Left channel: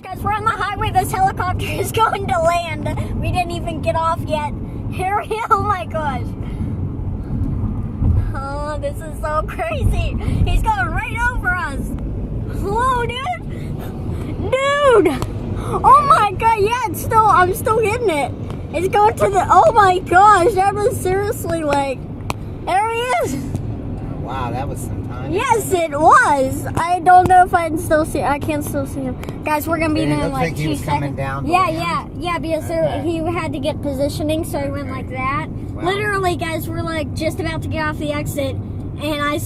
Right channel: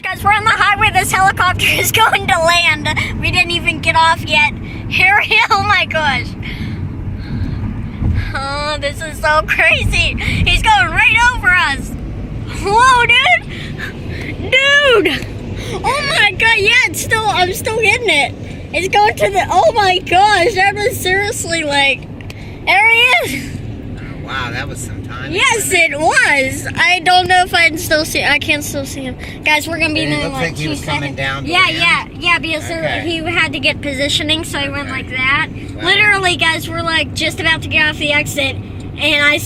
Guys, we're on the highway. This helicopter is going to land. We didn't even get off yet. Here, oh my gosh. Oh, this is so crazy. He's going right over us. Whoa, dude. Dude. Oh my god, yeah, I'm still getting it. It's going to the, oh my gosh, that was seriously like, there he is. Wow, that was some time. Yes, it was. I don't know if I can still see him. Guys, we're gonna be in like 2 seconds. Down Yeah, because he had to get positioning, so he went like that. Wow. Literally, guys, we're like just about to get off the exit, and I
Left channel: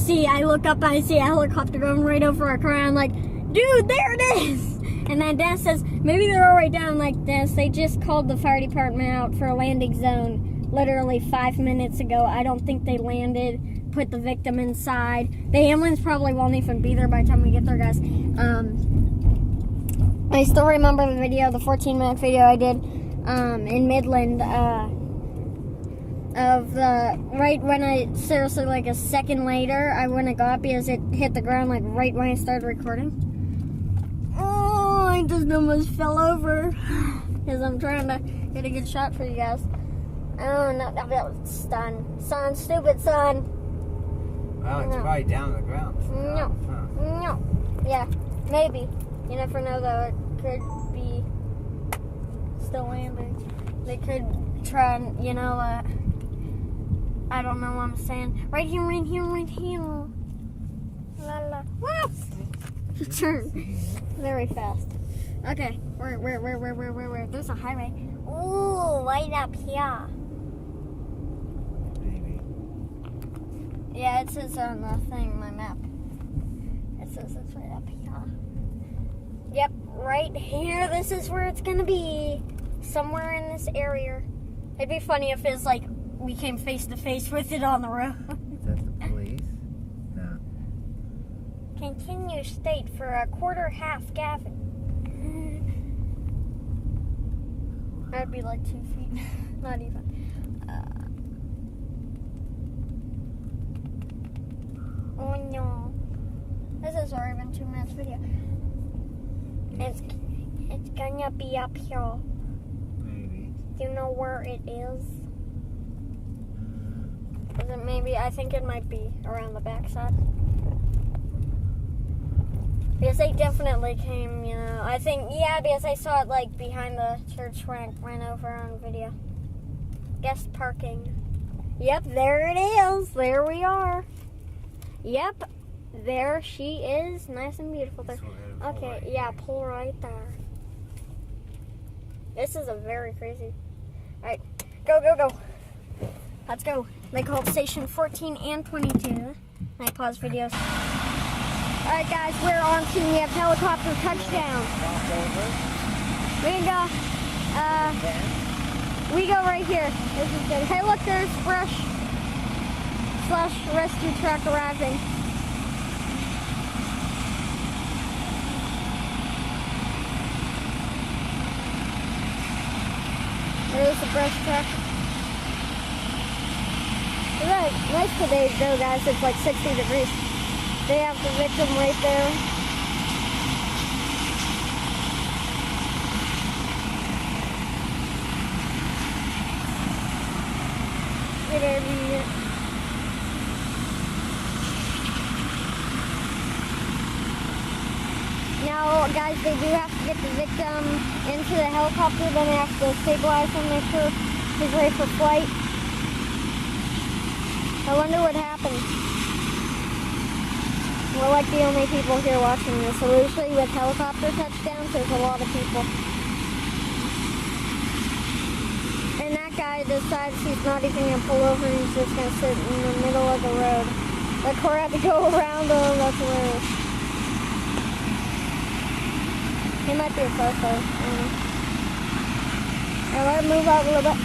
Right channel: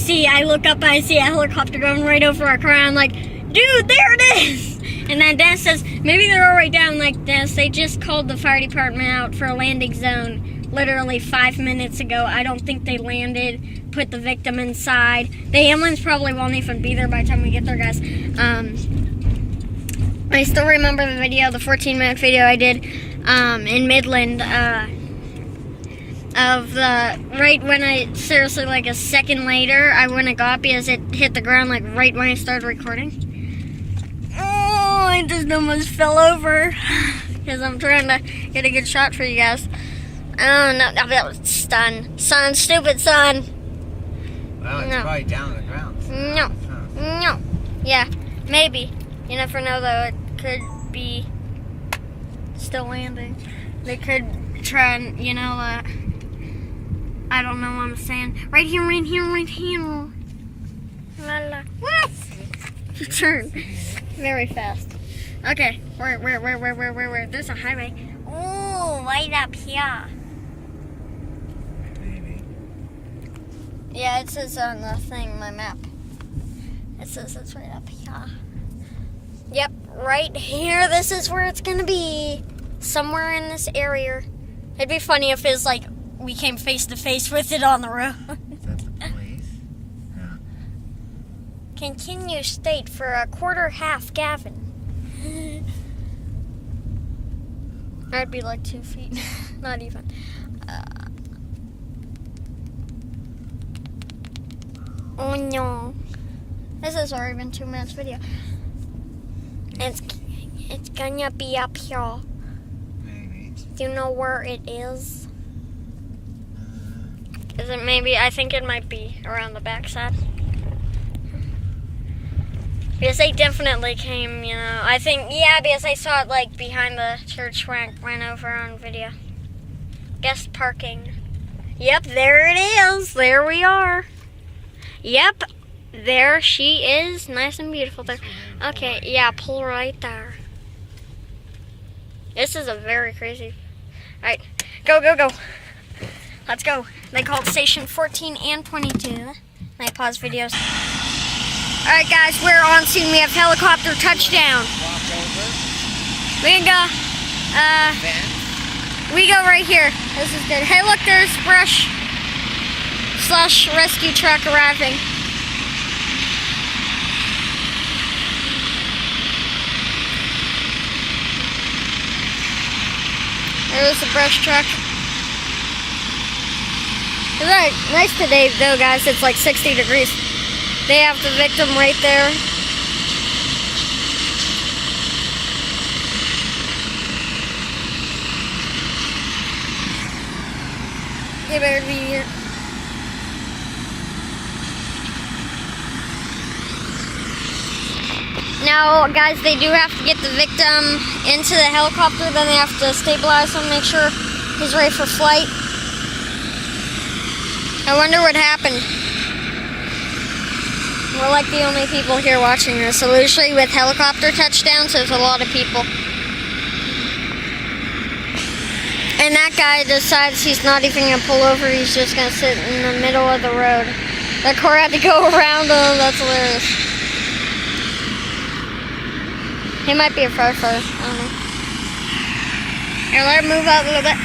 look up, I see a helicopter going right over our car, and I'm like, dude, there it is. And then Dennis says, maybe they're all right down. Like, Dennis, they just called the fire department out for a landing zone literally 5 minutes ago. I don't think they landed, put the victim inside. The ambulance probably won't even be there by the time we get there, guys. I still remember the video, the 14-minute video I did in Midland of the, right when I, seriously like a second later, I wouldn't have got because it hit the ground like right when I started recording. Oh, I just almost fell over because I'm trying to get a good shot for you guys. Oh, no, that was stun. Son, stupid son. Well, it's probably down to the ground. No. Yeah, maybe. You never know, though. It could be still landing. They could try and, I don't know what I'm saying. Right here. La la. What? Turn. Very fast. Okay, where? There's a highway. Ooh, right up here. Yeah, it says on the thing, my map. It says it's right up here. Yep, right here. This is where it's gonna be. Somewhere in this area. It'd be funny if it's like we came face to face with it on the road. Is that the police? No. Continue state for a quarter half, Gavin. That'd be like 2 feet. Not even. Oh no. This has already been 2 minutes video. It's gonna be up here. Maybe. Do you know where it is? Is it maybe? I think it might be around the backside. Because they definitely came, I think, yeah, because I saw it like behind the church when I went over on video. Guest parking. Yep, there it is. There we are. Yep, there she is. Nice and beautiful there. Okay, yeah, pull right there. This is a very crazy. Alright, go. Let's go. They called station 14 and 22. I pause videos. Alright guys, we're on scene. We have helicopter touchdown. We can go, we go right here. This is good. Hey look, there's brush / rescue truck arriving. There's the brush truck. It's right, nice today though guys, it's like 60 degrees. They have the victim right there. They better be here. Now, guys, they do have to get the victim into the helicopter. Then they have to stabilize him, make sure he's ready for flight. I wonder what happened. We're like the only people here watching this. So usually with helicopter touchdowns, there's a lot of people. And that guy decides he's not even going to pull over. He's just going to sit in the middle of the road. The car had to go around him. That's hilarious. He might be a firefighter. I don't know. Here, let him move out a little bit.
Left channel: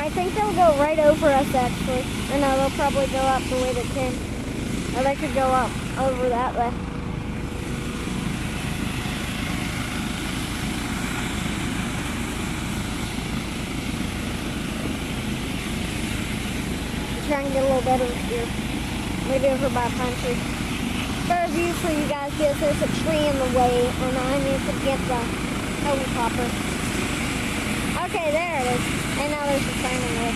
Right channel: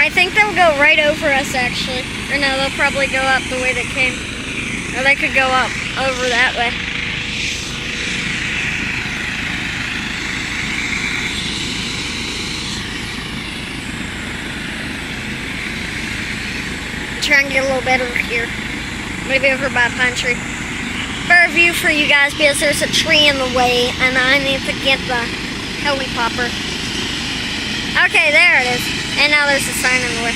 I think they'll go right over us, actually. Or no, they'll probably go up the way they came. Or they could go up over that way. try and get a little better here. Maybe over by a pine tree. Better view for you guys because there's a tree in the way and I need to get the helicopter. Okay, there it is. And now there's a sign in the way.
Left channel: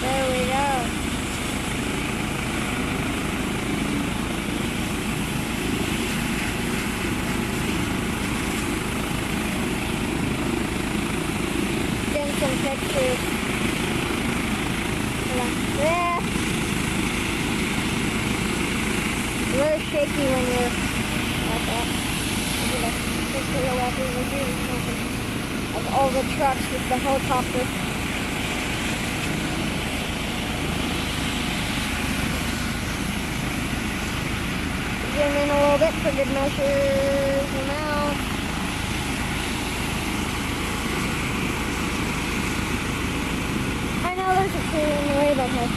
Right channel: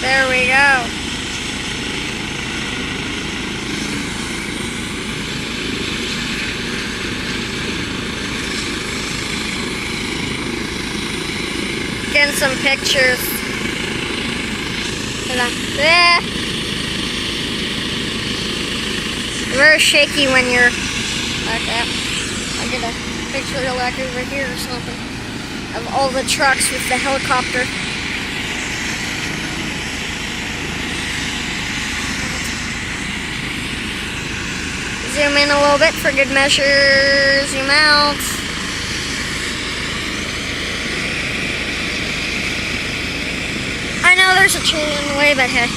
There we go. Getting some pictures. Yeah. Very shaky when you're like that. I get a picture like over here or something of all the trucks with the helicopter. Zoom in a little bit for good measure. Zoom out. I know there's a tree in the way, but hey.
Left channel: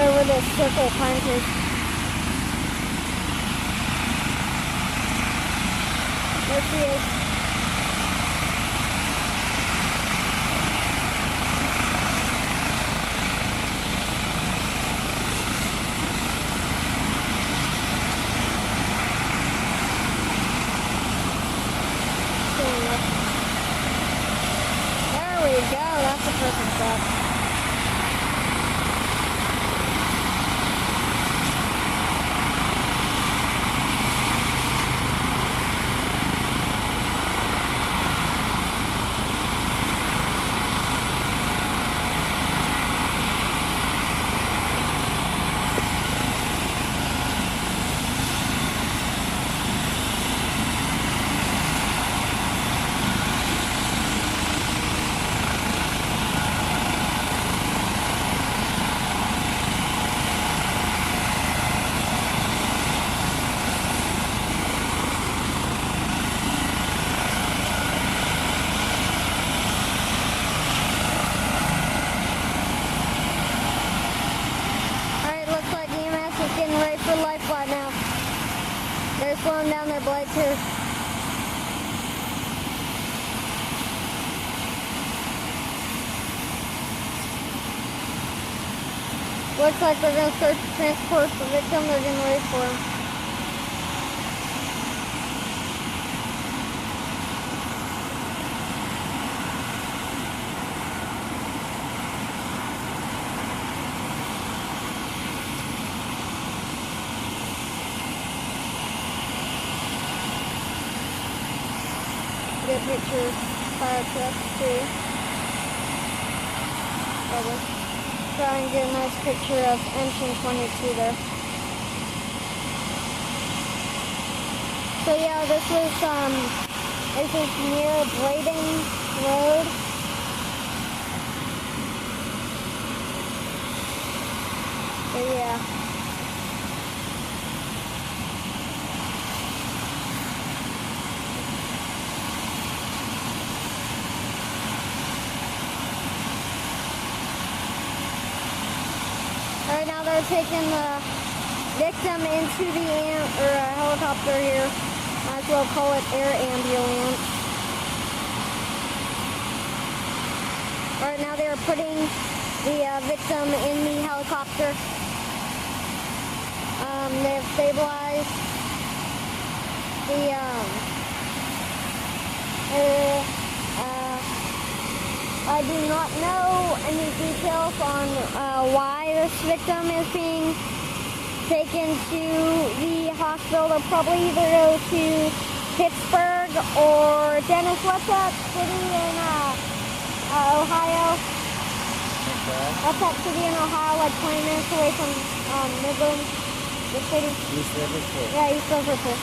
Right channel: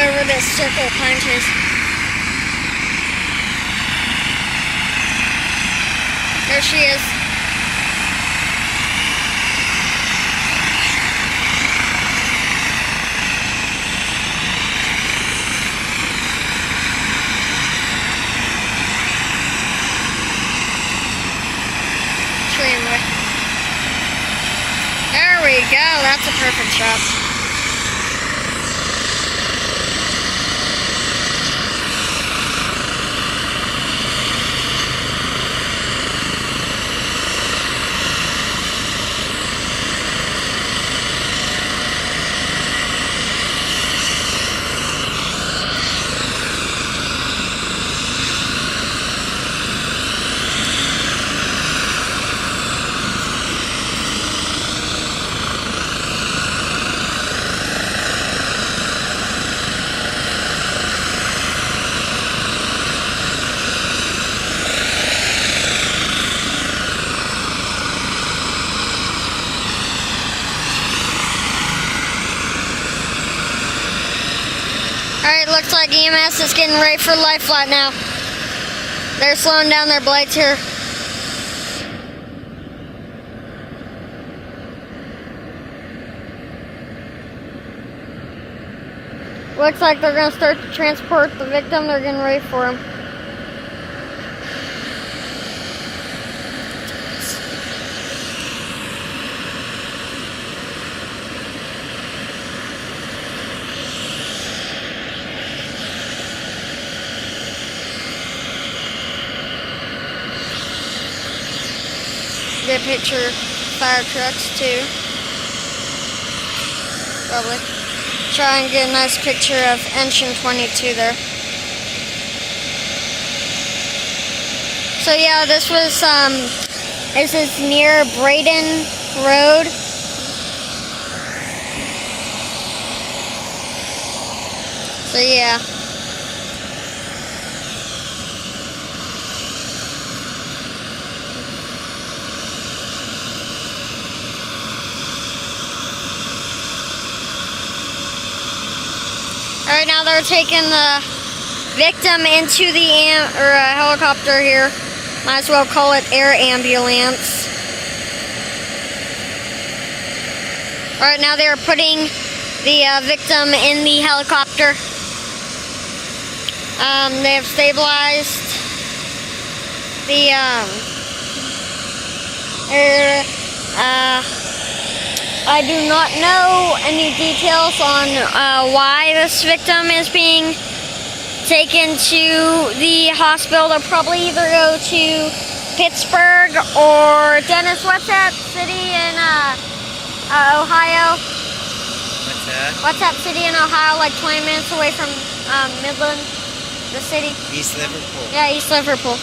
Over this circle of pine trees. There she is. There we go, that's a perfect shot. Alright, looks like EMS is getting ready for life flight now. They're slowing down their blades here. Looks like they're going to start to transport the victim. They're getting ready for him. Good picture fire trucks too. Probably. Try and get a nice picture of engine 22 there. So yeah, this is near Braden Road. So yeah. Alright, now they're taking the victim into the helicopter here. Might as well call it air ambulance. Alright, now they're putting the victim in the helicopter. They have stabilized the I do not know any details on why this victim is being taken to the hospital. They'll probably either go to Pittsburgh or Dennis. What's that city in Ohio? What's that? What's that city in Ohio, like 20 minutes away from Midland, the city? East Liverpool. Yeah, East Liverpool.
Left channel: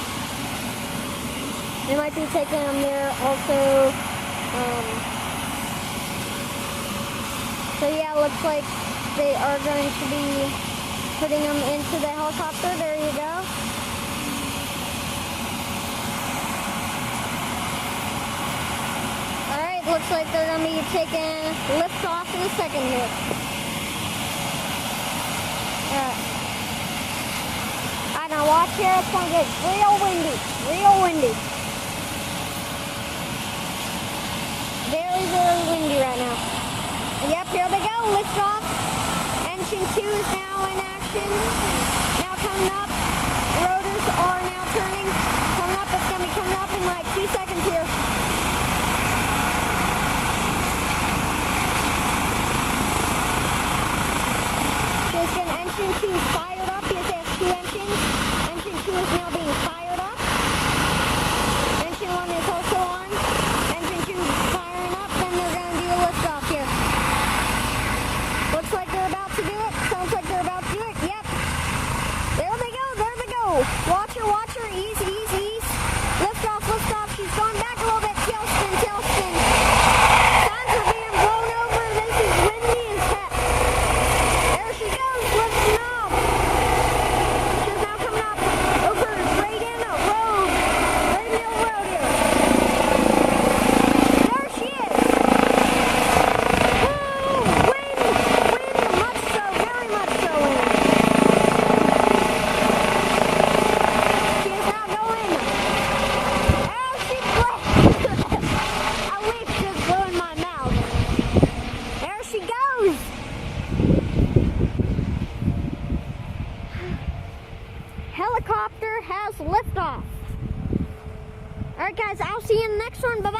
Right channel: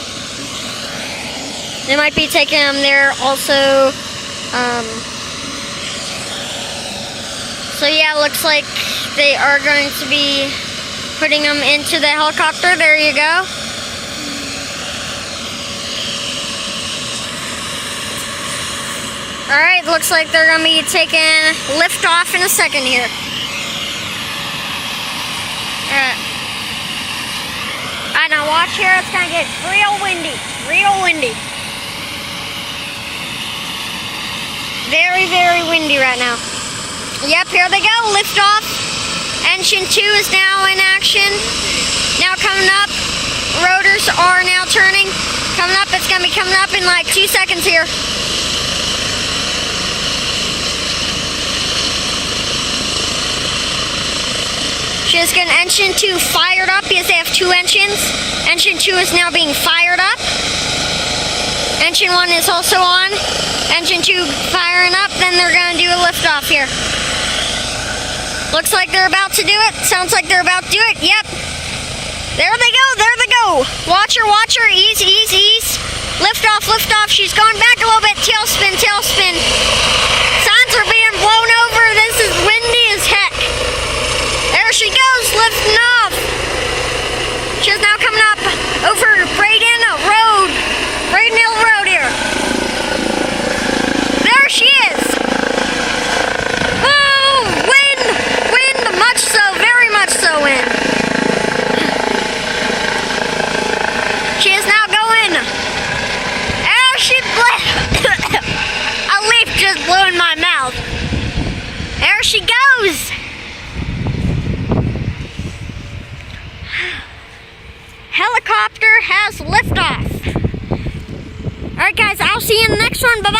They might be taking him there also. So yeah, looks like they are going to be putting them into the helicopter. There you go. Alright, looks like they're going to be taking lift off in a second here. Alright. Alright, now watch here. It's going to get real windy. Real windy. Very, very windy right now. Yep, here they go. Lift off. Engine 2 is now in action. Now coming up. Rotors are now turning. Coming up. It's going to be coming up in like 2 seconds here. Just getting engine 2 fired up because they have 2 engines. Engine 2 is now being fired up. Engine 1 is also on. Engine 2 firing up. Then they're going to do a liftoff here. Looks like they're about to do it. Sounds like they're about to do it. Yep. There they go. There they go. Watch her. Watch her. Ease, ease, ease. Lift off, lift off. She's going back a little bit. Tailspin, tailspin. Signs are being blown over. This is windy as heck. There she goes, lifting off. She's now coming up over Braden Road. Braden Hill Road here. There she is. Oh, wind, wind, much so, very much so wind. She is now going. There she a leaf just blew in my mouth. There she goes. Helicopter has liftoff. All right, guys, I'll see you in the next one. Bye-bye.